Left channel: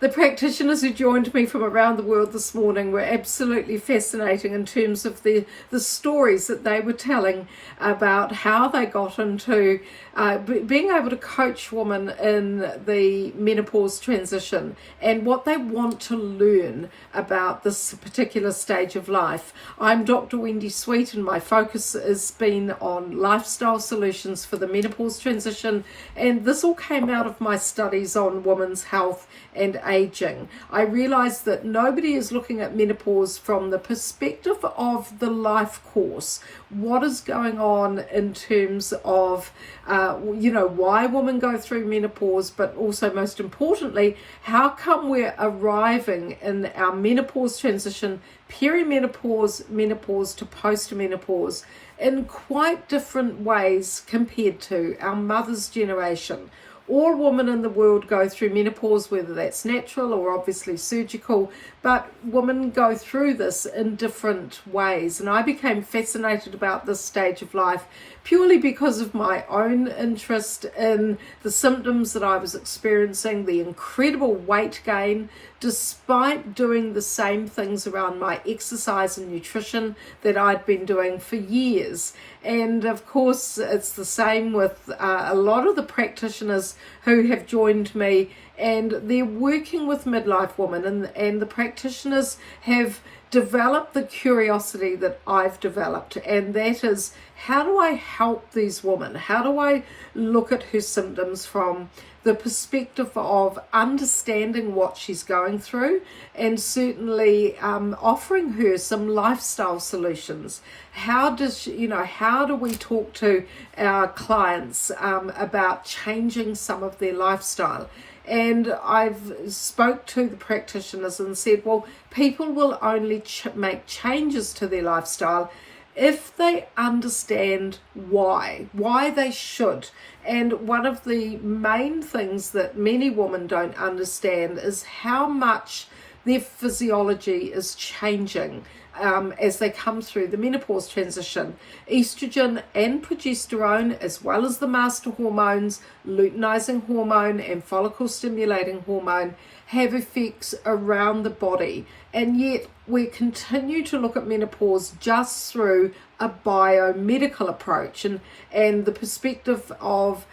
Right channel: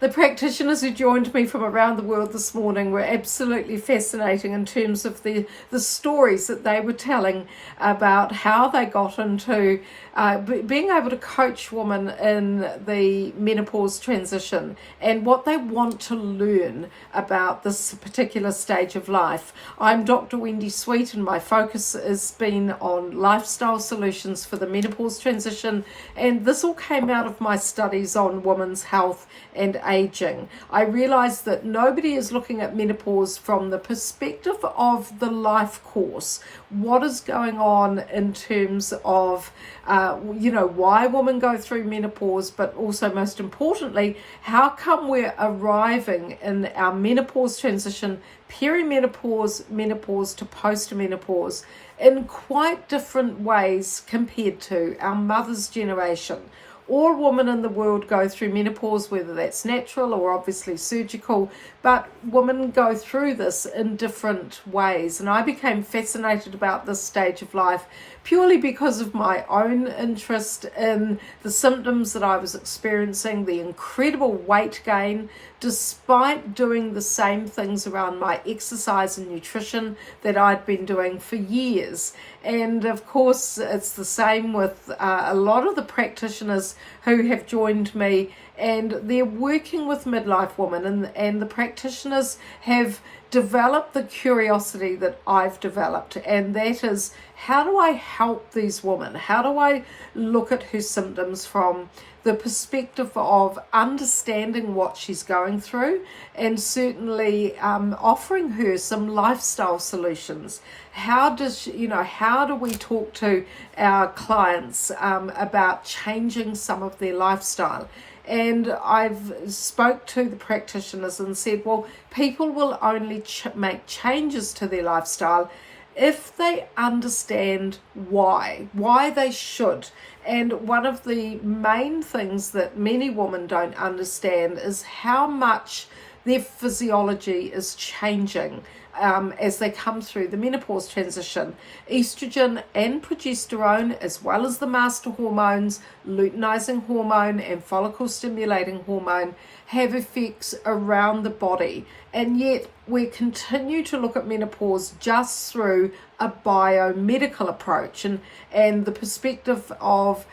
The practitioners who joined me from around the world this morning were absolutely fascinating in terms of the stories that they were telling about how they got into being able to coach women in the menopause transition and what they want to learn about this particular stage of life. I'm Dr. Wendy Sweet, and my focus has been on lifestyle solutions for the menopause transition, and this all came out of my studies on women's health and aging. I realized that nobody is looking at menopause from the perspective of the life course. What is going on in terms of why women go through menopause, but also most importantly, how come we're arriving in our menopause transition, perimenopause, menopause to postmenopause in quite different ways compared to our mother's generation. All women in the world go through menopause, whether that's natural or obviously surgical, but women go through this in different ways. And I became fascinated about this stage of life purely because of my own interest in the symptoms that I was experiencing, the incredible weight gain, despite doing the same things around my exercise and nutrition that I'd been doing for years. And of course, it's the same with a lot of the practitioners who have joined me, and they're working with midlife women, and the practitioners have developed the curiosity that I've developed, and that is, how do I help these women? How do I look at her symptoms from the perspective of understanding what she's going through, and certainly offering her some lifestyle solutions? How do we talk to our clients about changing some of their lifestyle? And I've spoke to the practitioners and said, well, people will only make changes to their lifestyle if they understand why they should. And one of the main things that many women don't understand is how much their physiology is changing as they come through the menopause transition. Estrogen and progesterone, as well as the master hormones, luteinizing hormone and follicle stimulating hormone, have effects around the body. And yet we continue to look at menopause just through a biomedical approach and the perspective of,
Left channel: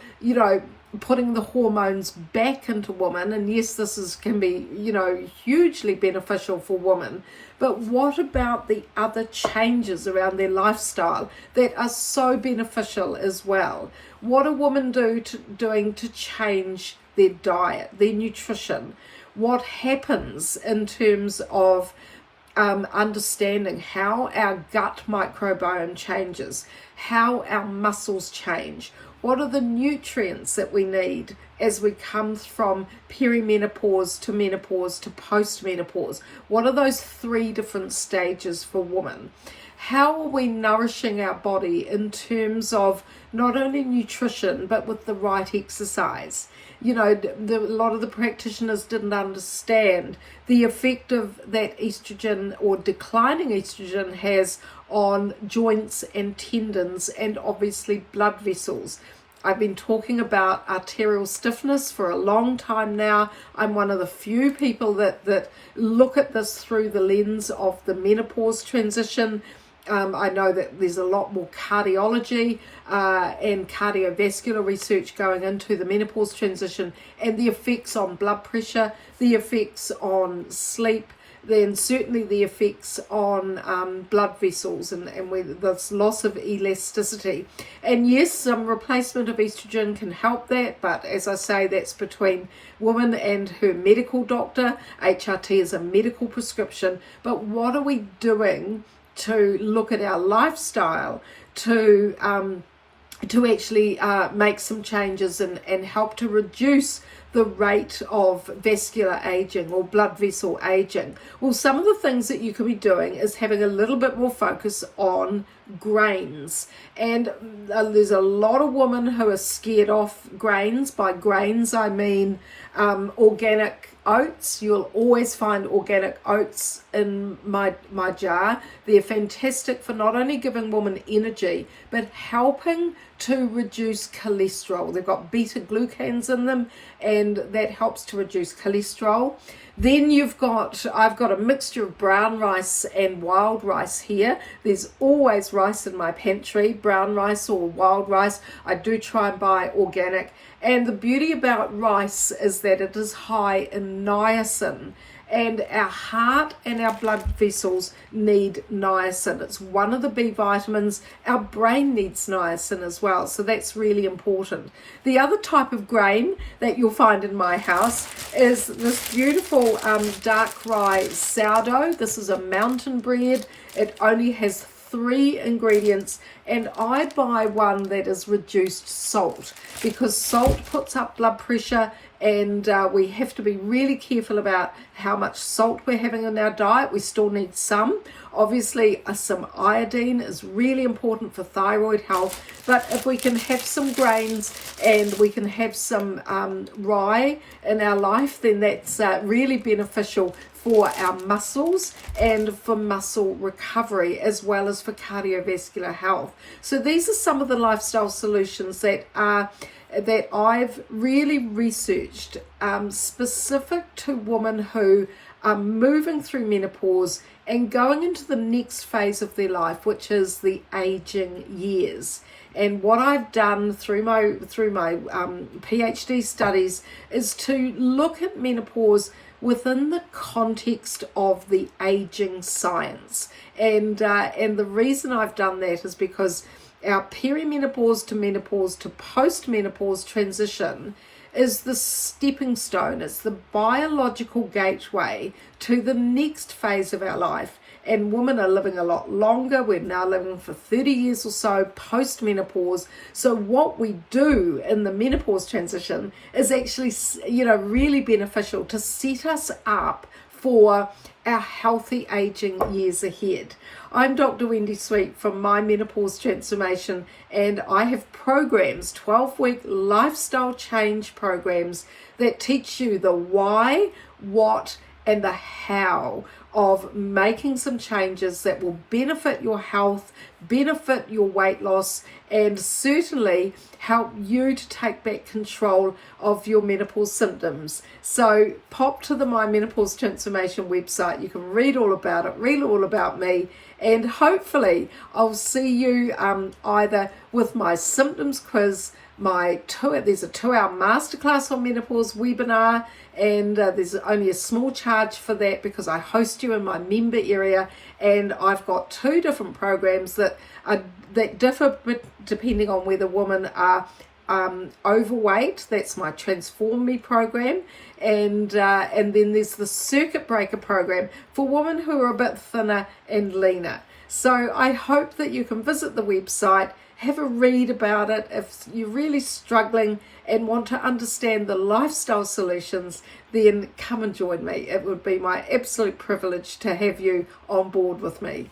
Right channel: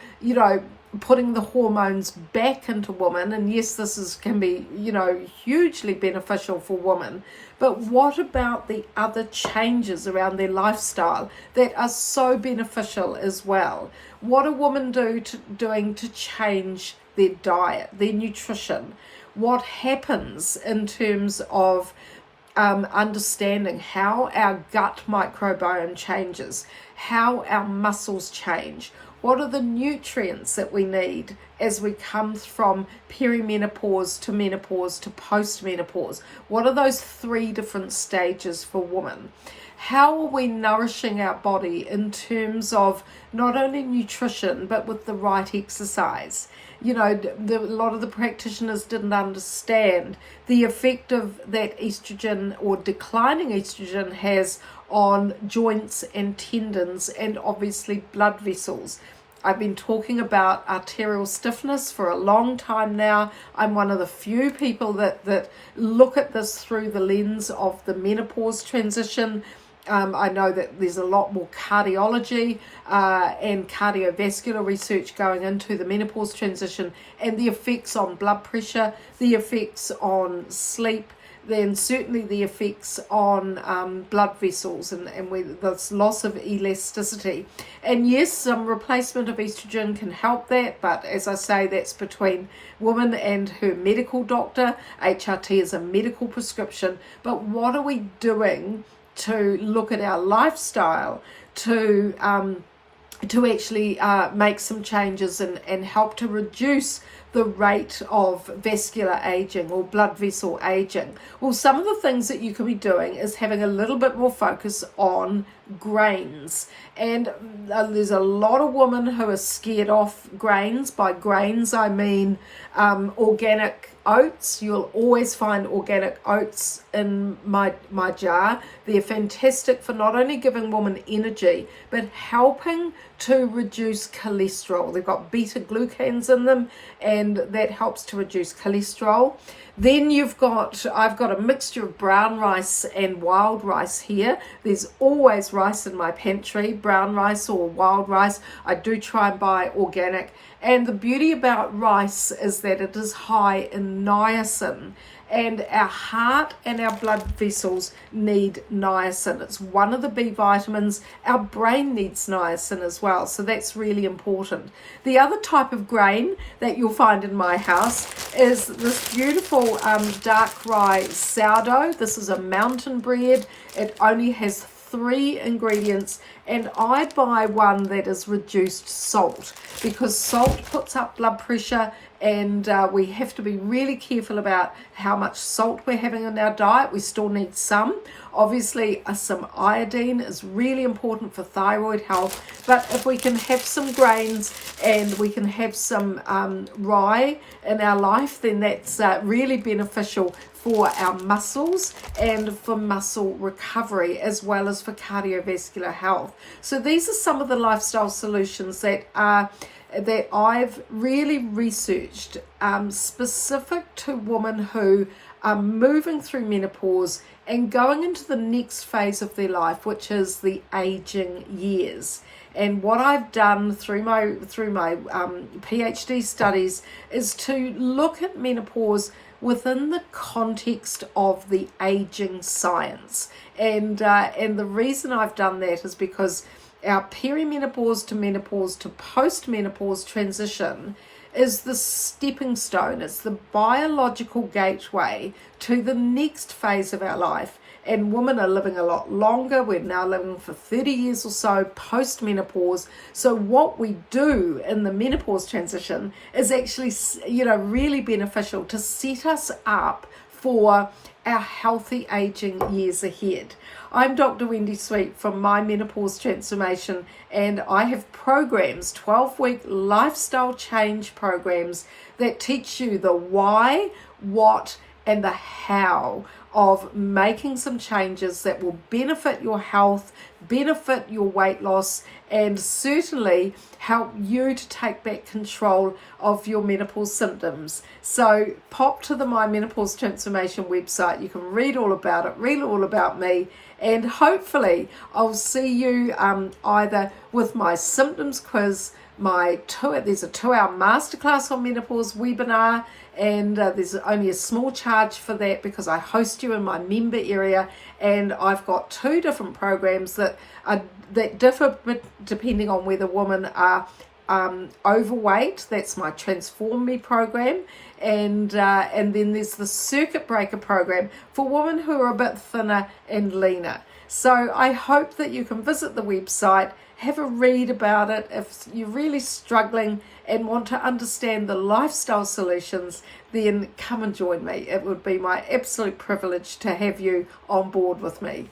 putting the hormones back into women. And yes, can be, hugely beneficial for women. But what about the other changes around their lifestyle that are so beneficial as well? What are women doing to change their diet, their nutrition? What happens in terms of understanding how our gut microbiome changes, how our muscles change? What are the nutrients that we need as we come from perimenopause to menopause to postmenopause? What are those 3 different stages for women? How are we nourishing our body in terms of not only nutrition, but with the right exercise? A lot of the practitioners didn't understand the effect of that estrogen or declining estrogen has on joints and tendons and obviously blood vessels. I've been talking about arterial stiffness for a long time now. I'm one of the few people that look at this through the lens of the menopause transition. I know that there's a lot more cardiology and cardiovascular research going into the menopause transition and the effects on blood pressure, the effects on sleep, then certainly the effects on blood vessels and this loss of elasticity. And yes, some replacement of estrogen can help that, but as I say, that's between woman and her medical doctor. HRT is a medical prescription, but what are we doing to look at our lifestyle to actually make some changes and help to reduce the rate of vascular aging or blood vessel aging? Well, some of the things that you could be doing is having a little bit more focus on grains. And there's a lot of women who are scared off grains. By grains, I mean organic oats. You'll always find organic oats in my jar. They're fantastic for not only giving women energy, but helping to reduce cholesterol. They've got beta glucans in them, and that helps to reduce cholesterol. Then I've got a mixture of brown rice and wild rice here. There's always rice in my pantry, brown rice or wild rice. I do try and buy organic. And the beauty about rice is that it is high in niacin. And our heart and our blood vessels need niacin. It's one of the B vitamins. Our brain needs niacin as well, so that's really important. The other type of grain that you'll find in my house is this beautiful dark rye sourdough. This is a mountain bread. It only has 3 ingredients, and I buy one that is reduced salt because salt puts up blood pressure, and we have to be really careful about how much salt we're having in our diet. We still need some. Obviously, some iodine is really important for thyroid health, but if we can have some grains and we can have some rye in our life, then that's really beneficial for our muscles and for muscle recovery, as well as for cardiovascular health. So these are some of the lifestyle solutions that I've really researched, specific to women who are moving through menopause and going into the next phase of their life, which is the aging years. And what I've done through my PhD studies is to look at menopause within the context of the aging science. And the reason I've done that is because our perimenopause to menopause to postmenopause transition is the stepping stone. It's the biological gateway to the next phase of our life. And women are living a lot longer. We're now living for 30 years or so post-menopause. So what we do in the menopause transition is actually, really beneficial to set us up for our healthy aging years ahead. I'm Dr. Wendy Sweet from My Menopause Transformation, and I have programs, 12-week lifestyle change programs that teach you the why, what, and the how of making some changes that will benefit your health, benefit your weight loss, and certainly help you to take back control of your menopause symptoms. So pop to the My Menopause Transformation website. You can read all about it, read all about me, and hopefully I'll see you either with my symptoms quiz, there's a 2-hour masterclass on menopause webinar, and there's only a small charge for that because I host you in my member area, and I've got 2 different programs that differ depending on whether women are overweight. That's my Transform Me program, and then there's the Circuit Breaker program for women who are a bit thinner and leaner. So I hope that you can visit the website, have a read about it. If you're really struggling and want to understand the lifestyle solutions, then come and join me. It would be my absolute privilege to have you on board with me.